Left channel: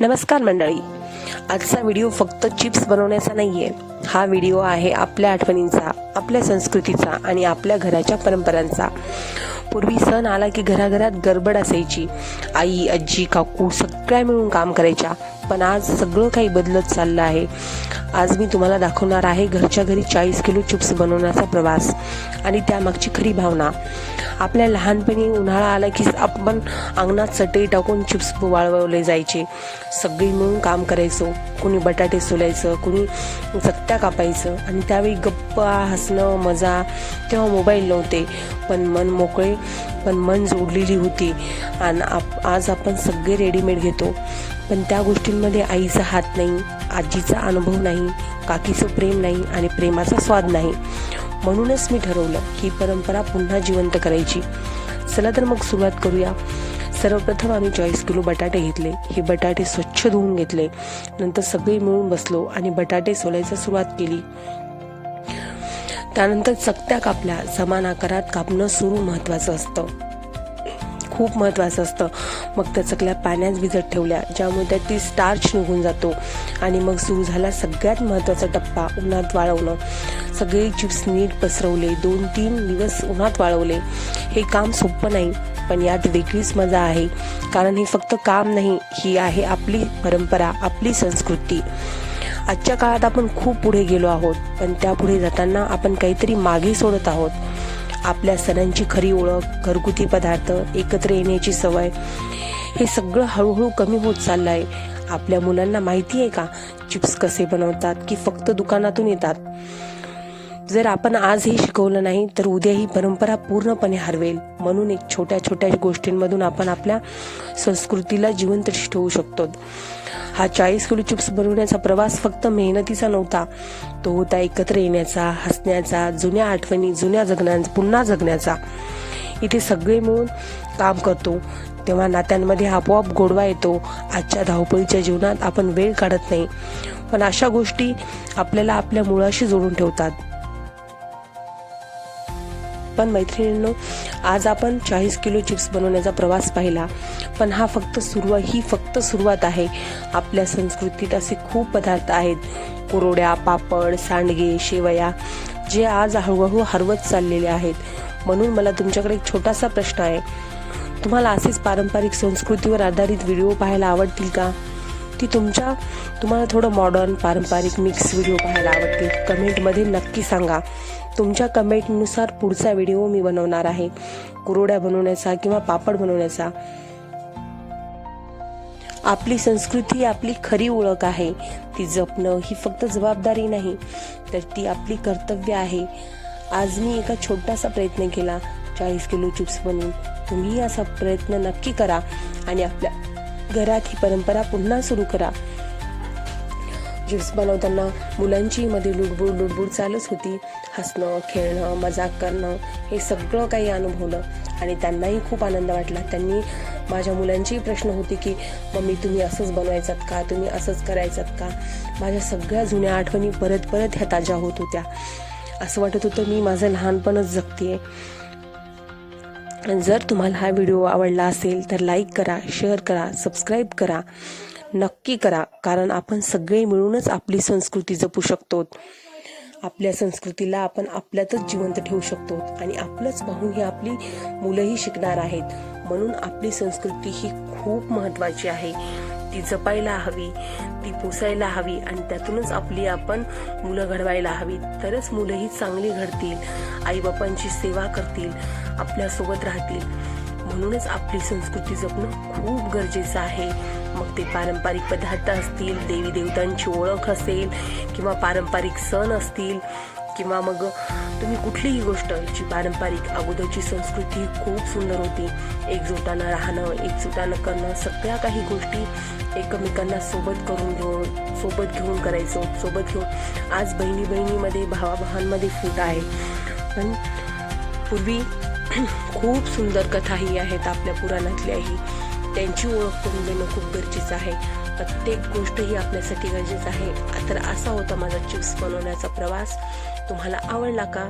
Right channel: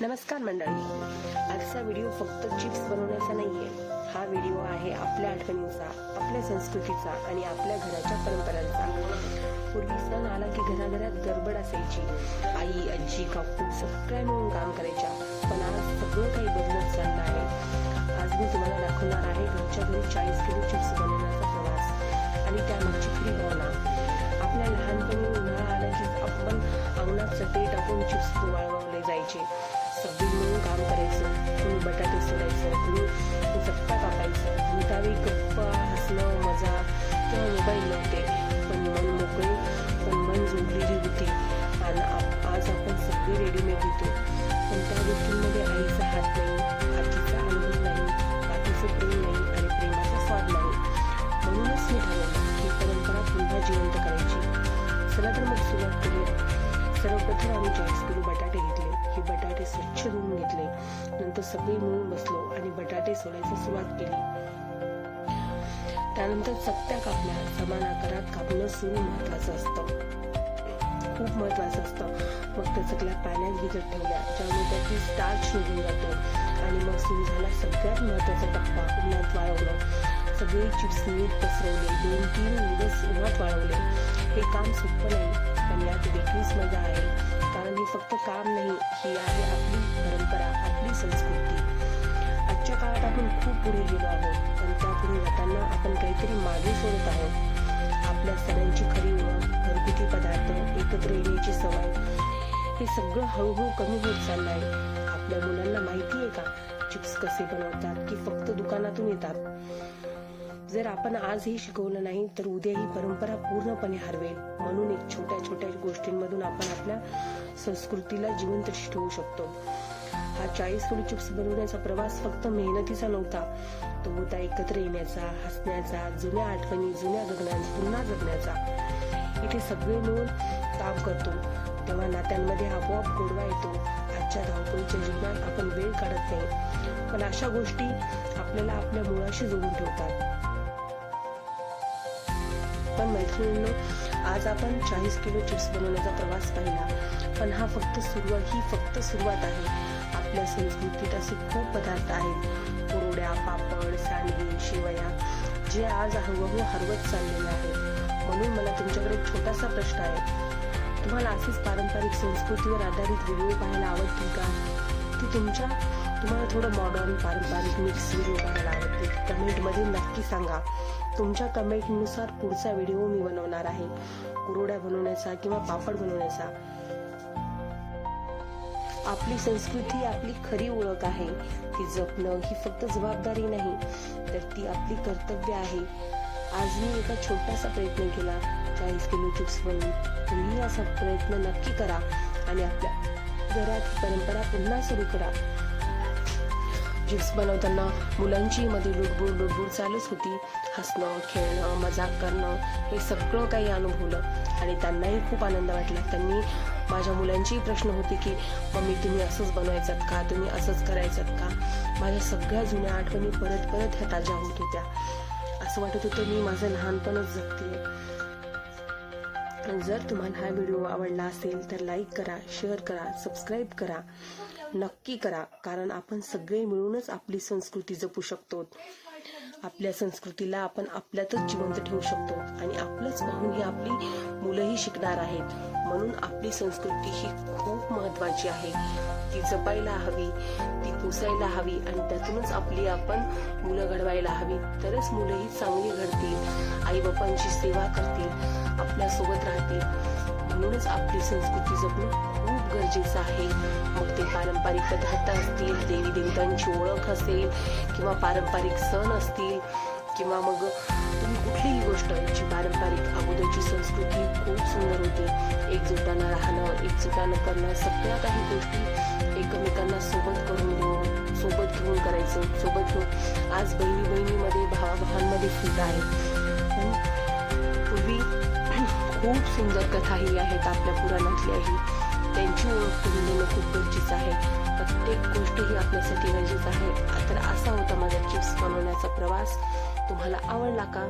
नमस्कार मंडळी, आजचा व्हिडिओ फक्त चिप्स बनवण्याचा नाहीये. हा व्हिडिओ आहे आपल्या आठवणींचा, आपल्या संस्कृतीचा आणि आपल्या घराच्या परंपरांचा. पूर्वी सण आला की घराघरात गडबड असायची. आई, आजी, काकू सगळ्या मिळून काम करायच्या. पण आज सगळं काही बदलत चाललं आहे. आज मी तुम्हाला दाखवणार आहे घरच्या घरी 40 किलो चिप्स बनवण्याचा प्रवास आणि त्यामागची खरी भावना. आपल्या लहानपणी उन्हाळा आला की आपण अंगणात चटई टाकून चिप्स वाळवले जायचे. सगळी मिळून काम करायचो. कुणी बटाटे सोलायचं, कुणी चकत्या कापायचं आणि त्यावेळी गप्पा, हसणं, मजा. तेव्हा मोबाईल नव्हते, पण मन मोकळे, पण मन जोडलेली होती. आणि आज आपण सगळे रेडीमेड घेतो, पण त्या गोष्टींमध्ये आईचा हात नाही, आजीचा अनुभव नाही, काकीचं प्रेम नाही आणि प्रेमाचा स्वाद नाही. म्हणूनच मी ठरवलं ही परंपरा पुन्हा जिवंत करायची. चला तर मग सुरुवात करूया. सर्वप्रथम आम्ही 40 किलो बटाटे घेतले. हे बटाटे स्वच्छ धुवून घेतले. नंतर सगळे मिळून बसलो आणि बटाटे सोलायला सुरुवात केली. त्यानंतर चकत्या कापल्या. समान आकारात कापणं सुरू महत्वाचं असतं, खूप महत्त्वाचं असतं. मग त्या चकल्या पाण्यात भिजत ठेवल्या, ज्यामुळे त्यातील स्टार्च निघून जातो. आणि मग सुरू झाला सगळ्यात महत्त्वाचा टप्पा, उन्हात वाळवणं. सगळे चिप्स नीट पसरवले. 2-3 दिवस उन्हात वाळवले. हे काम सोपं नाही, पण यात वेगळीच मजा आहे. कारण हे फक्त काम नाही, ही आहे आपली परंपरा, आपली संस्कृती. आजच्या काळात आपण खूप पुढे गेलो आहोत, पण त्या पुढे जाताना आपण काहीतरी मागे सोडत आहोत. आपल्या सणांची खरी ओळख, घरगुती पदार्थ, एकत्र येण्याची सवय, हे सगळं हळूहळू कमी होत चाललं आहे. आपल्या मुलांना माहिती आहे का चिप्स कसे बनवतात की फक्त दुकानातून येतात? जर आपण आज हे शिकवलं नाही तर उद्या ही परंपरा पूर्णपणे हरवेल. म्हणून एक छोट्या छोट्या गोष्टींमधून आपण आपल्या संस्कृतीला जिवंत ठेवू शकतो. हा 40 किलो चिप्स बनवण्याचा प्रवास फक्त मेहनतीचा नव्हता, तो होता एकत्र येण्याचा, हसण्याचा, जुन्या आठवणी, पुन्हा जगण्याचा. इथे सगळे मिळून काम करतो तेव्हा नात्यांमध्ये आपोआप गोडवा येतो. आजच्या धावपळीच्या जीवनात आपण वेळ काढत नाही, पण अशा गोष्टी आपल्याला आपल्या मुळाशी जोडून ठेवतात. पण मैत्रिणींनो, आज आपण 40 किलो चिप्स बनवण्याचा प्रवास पाहिला, पण ही फक्त सुरुवात आहे. आपल्या संस्कृतीत असे खूप पदार्थ आहेत, कुरवड्या, पापड, सांडगे, शेवया, जे आज हळूहळू हरवत चाललेले आहेत. म्हणून मला तुमच्याकडे एक छोटासा प्रश्न आहे. तुम्हाला असेच पारंपरिक संस्कृतीवर आधारित व्हिडिओ पाहायला आवडतील का? की तुम्हाला थोडं मॉडर्न, पारंपरिक मिक्स व्हिडिओ पाहायला आवडतील? कमेंटमध्ये नक्की सांगा. तुमच्या कमेंटनुसार पुढचा व्हिडिओ मी बनवणार आहे, कुरवड्या बनवण्याचा किंवा पापड बनवण्याचा. आपली संस्कृती आपली खरी ओळख आहे. ती जपणं ही फक्त जबाबदारी नाही, तर ती आपली कर्तव्य आहे. आज मी एका छोटासा प्रयत्न केला 40 किलो चिप्स बनवून. तुम्ही असा प्रयत्न नक्की करा आणि आपल्या घरात ही परंपरा पुन्हा सुरू करा. चिप्स बनवताना मुलांची मध्ये लुडबुड चालूच होती. हसणं, खेळणं, मजाक करणं, हे सगळं काही अनुभवलं आणि त्यांनाही खूप आनंद वाटला. माझ्या मुलांचेही प्रश्न होते की मम्मी तुम्ही असंच बनवायचात का, तुम्ही असंच करायचात का? माझ्या सगळ्या जुन्या आठवणी परत ह्या ताज्या होत होत्या. असं वाटत होतं मी माझं लहानपणच जगतेय. जर तुम्हाला हा व्हिडिओ आवडला असेल तर लाईक करा, शेअर करा, सबस्क्राईब करा, नक्की करा. कारण आपण सगळे मिळूनच आपली संस्कृती जपू शकतो. आपल्या संस्कृतीला आपण आपल्यातच जिवंत ठेवू शकतो आणि आपलंच पाहून ही आपली मुलंही शिकणार आहेत. म्हणून आपली संस्कृती ही खूप महत्त्वाची आहे. ती जपायला हवी, ती पोसायला हवी आणि त्यातूनच आपण मुलं घडवायला हवी. तरच मुलंही चांगली घडतील, आईबापांची सेवा करतील, आपल्यासोबत राहतील. म्हणूनच आपली संस्कृती जपणं खूप गरजेचं आहे. मग ते पारंपरिक पदार्थ असतील, देवी देवतांची ओळख असेल किंवा पारंपरिक सण असतील किंवा मग तुम्ही कुठलीही गोष्ट, जी पारंपरिक अगोदरची संस्कृती खूप सुंदर होती. एकजुटानं राहणं, एकजुटानं करणं, सगळ्या काही गोष्टी एकमेकांना सोबत घेऊन करायचं. आज बहिणीमध्ये, भावाभावांमध्ये फूट आहे, पण पूर्वी खूप सुंदर कथाही आहेत आपल्या पुराणातल्याही. त्यांची ओळख करून देणं खूप गरजेचं आहे. प्रत्येक गोष्ट ही आपल्यासाठी गरजेचं आहे. तर असा होता माझा चिप्स बनवण्याचा प्रवास. तुम्हाला आवडला का?